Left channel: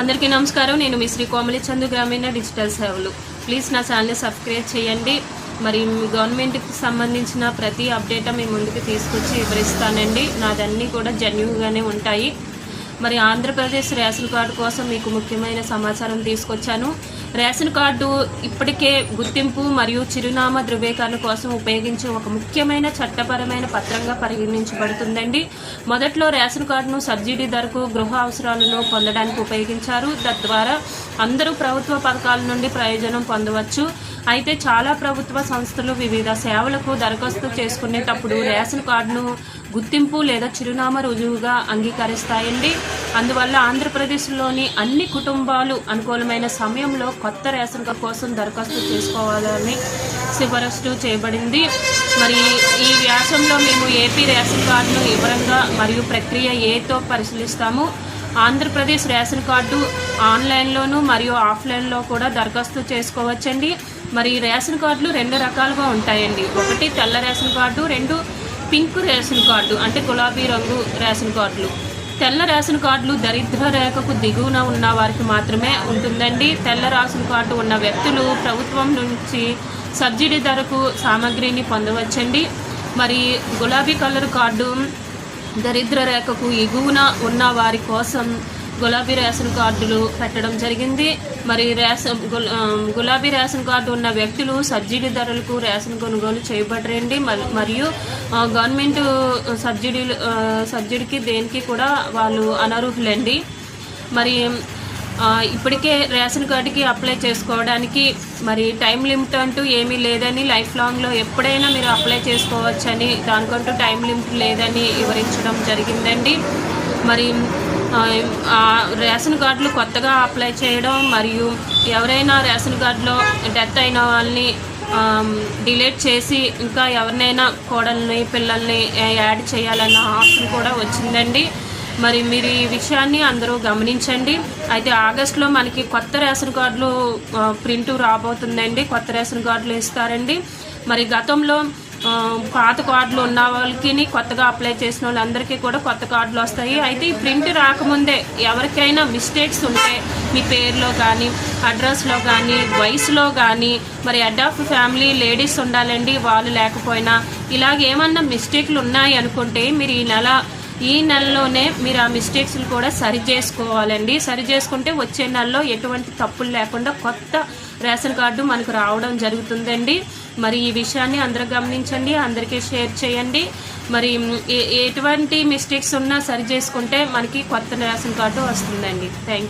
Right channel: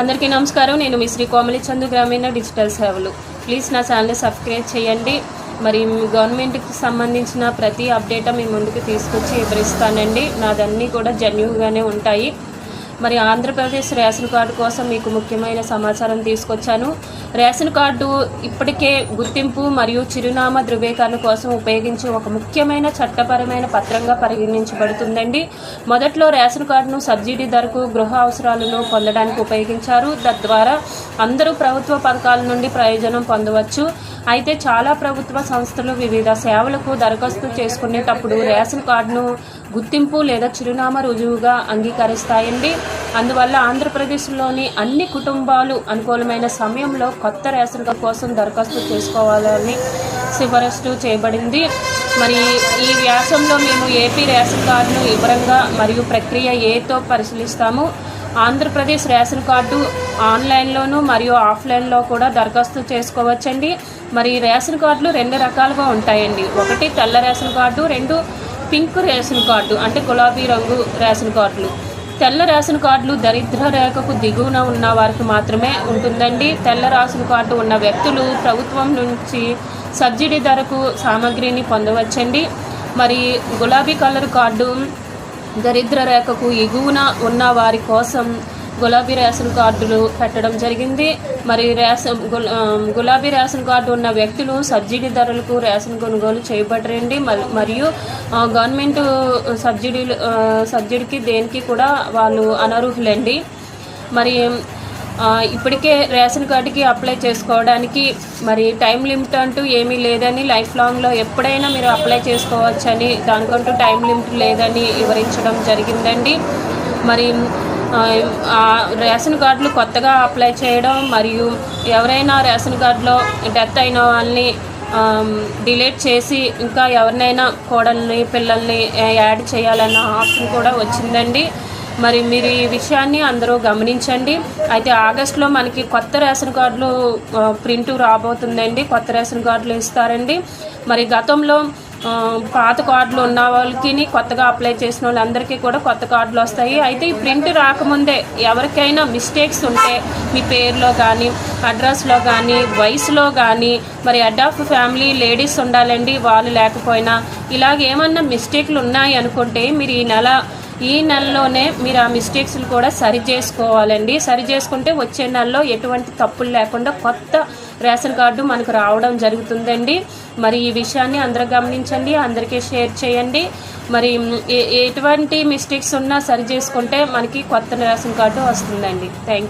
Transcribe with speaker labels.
Speaker 1: అందరికీ నమస్కారం. నేను మీ శ్రీ కోమలి చందు గ్రామీణ డిజిటల్ సేవలు. ప్లీజ్ నా ఛానల్ని సబ్స్క్రైబ్ చేయండి. మరి మీ గవర్నమెంట్కి సంబంధించిన ప్రతి అప్డేట్ మీ ముందుకు తీసుకొచ్చి వివరిస్తానండి. నాదన్నీ కూడా జెన్యున్గానే ఉంటాయి. మరి ఆంధ్రప్రదేశ్ రేషన్ కార్డు కోసం మీకు ముఖ్యమైన సమాచారం తీసుకొచ్చాను. రేషన్ కార్డు ఇప్పటికే గుర్తింపు మరియు చిరునామా ధృవీకరణ కోసం ఉపయోగించే ఒక ముఖ్యమైన చట్టపరమైన పత్రంగా పరిగణించబడుతుందండి. మొదట్లో రేషన్ కార్డును సబ్సిడీ ధరకు గృహ అవసరాలను పొందడానికి ఉపయోగించారు. తద్వారా అందరూ ప్రభుత్వ పథకాల నుండి ప్రయోజనం పొందవచ్చు. అయితే చాలా ప్రభుత్వ సంస్థలు వివిధ సేవలకు దరఖాస్తు చేసుకునేటప్పుడు రేషన్ కార్డును గుర్తింపు లేదా చిరునామా రుజువుగా అంగీకరిస్తాయండి. అందువల్ల ఆంధ్రప్రదేశ్లోని అన్ని కుటుంబాలు అనుకూలమైన సమయంలో కొత్త రేషన్ కార్డు కోసం దరఖాస్తు చేసుకోవాలని సిఫారసు చేయబడింది. మరి ఈ వ్యాసంలో మేము ఏపీ రేషన్ కార్డును వివరంగా మరియు ప్రక్రియ ఏతో పరిశీలిస్తాము. ఆంధ్రప్రదేశ్ రేషన్ కార్డు ఆన్లైన్లోను మరియు ఆఫ్లైన్లో కూడా దరఖాస్తు చేసుకోవచ్చండి. మరి రేషన్ కార్డులు రెండు రకాలుగా ఉంటాయండి. ఒకటి తెల్ల రేషన్ కార్డు రెండు పింక్ రేషన్ కార్డు అంటే గులాబీ రంగు రేషన్ కార్డులు. తెల్ల రేషన్ కార్డులు దరిద్ర రేఖకు దిగువన ఉన్న వారికి మాత్రమే ఉంటుందండి. తెల్ల రేషన్ కార్డు ఉన్న వ్యక్తులు ప్రభుత్వం నుంచి సబ్సిడీ ధరకు సామాగ్రిని పొందవచ్చండి. మరి గులాబీ కలర్ కార్డు దరిద్ర రేఖకు ఎగువన ఉన్న వారి కోసం గులాబీ రేషన్ కార్డులు పెట్టడం జరిగింది. మరి రేషన్ గులాబీ రేషన్ కార్డు ఉన్న వ్యక్తులు సబ్సిడీ ధరలకు రేషన్ కొనుగోలు చేయబడరండి. మరియు గవర్నమెంట్ సబ్సిడీలు సబ్సిడీకి దేనికి కూడా వాళ్ళు అనర్హులండి. మరి ఇప్పటికే రేషన్ కార్డుకి అప్లై చేసుకోవడానికి మరి టైం లిమిట్ అంటూ ఏమీ లేదని లైఫ్ లాంగ్లో ఎప్పుడైనా మీరు అప్లై చేసుకోవచ్చని దానికంటూ టైం లిమిట్ లేదని వివరించడం జరిగిందండి. మరి రేషన్ కార్డులు కొత్తగా అప్లై చేయడం మరియు ఎవరైనా రేషన్ కార్డులో డెత్ అయిన వాళ్ళని డిలీట్ చేసి ఇంకా ఎవరినైనా కోడల్ని పిల్లల్ని యాడ్ చేయాలన్న ఆప్షన్ కూడా వచ్చిందండి. మరి మీరు ఈ విషయాన్ని అందరూ గమనించండి. అయితే ఆగస్టులో మనకి కొత్త రేషన్ కార్డులు ప్రింట్ రాబోతుందండి. కొత్త రేషన్ కార్డులు ఇస్తారండి. మరి గతంలో పాత కార్డులు ఉన్న వాళ్ళకి కొత్తగా అప్లై చేసిన వాళ్ళందరికీ కూడా కొత్త కార్డులు వస్తాయి. అయితే ఈ ప్రింట్ రాకముందే ఎవరికైనా మిస్టేక్స్ ఉంటే మీ పేరులో కానీ అడ్రస్లో కానీ వయసులో కానీ మరి హెడ్ ఆఫ్ ఫ్యామిలీ లేడీస్ ఉండాలండి వాళ్ళు లేకపోయినా. ఇలాగేమన్నా మిస్టేక్లు ఉన్నాయి అనుకుంటే మీరు ఈ నెల ఈ నెలలోనే మీరు ఆ మిస్టేక్స్ని కూడా సరి చేసుకోవాలండి. సరి చేసుకుంటే వచ్చే నెలలో ఎటువంటి తప్పులు లేకుండా కొత్త రేషన్ కార్డు మనకు రావడం జరుగుతుందండి. మరి ఈ విషయాన్ని అందరూ గమనించండి అందరికీ షేర్ చేయండి. మరి ఏ- ఎటువంటి మిస్టేక్స్ ఉన్నా సరి చేసుకుంటే మనకి కొత్త రేషన్ కార్డు వస్తుందండి. Thank you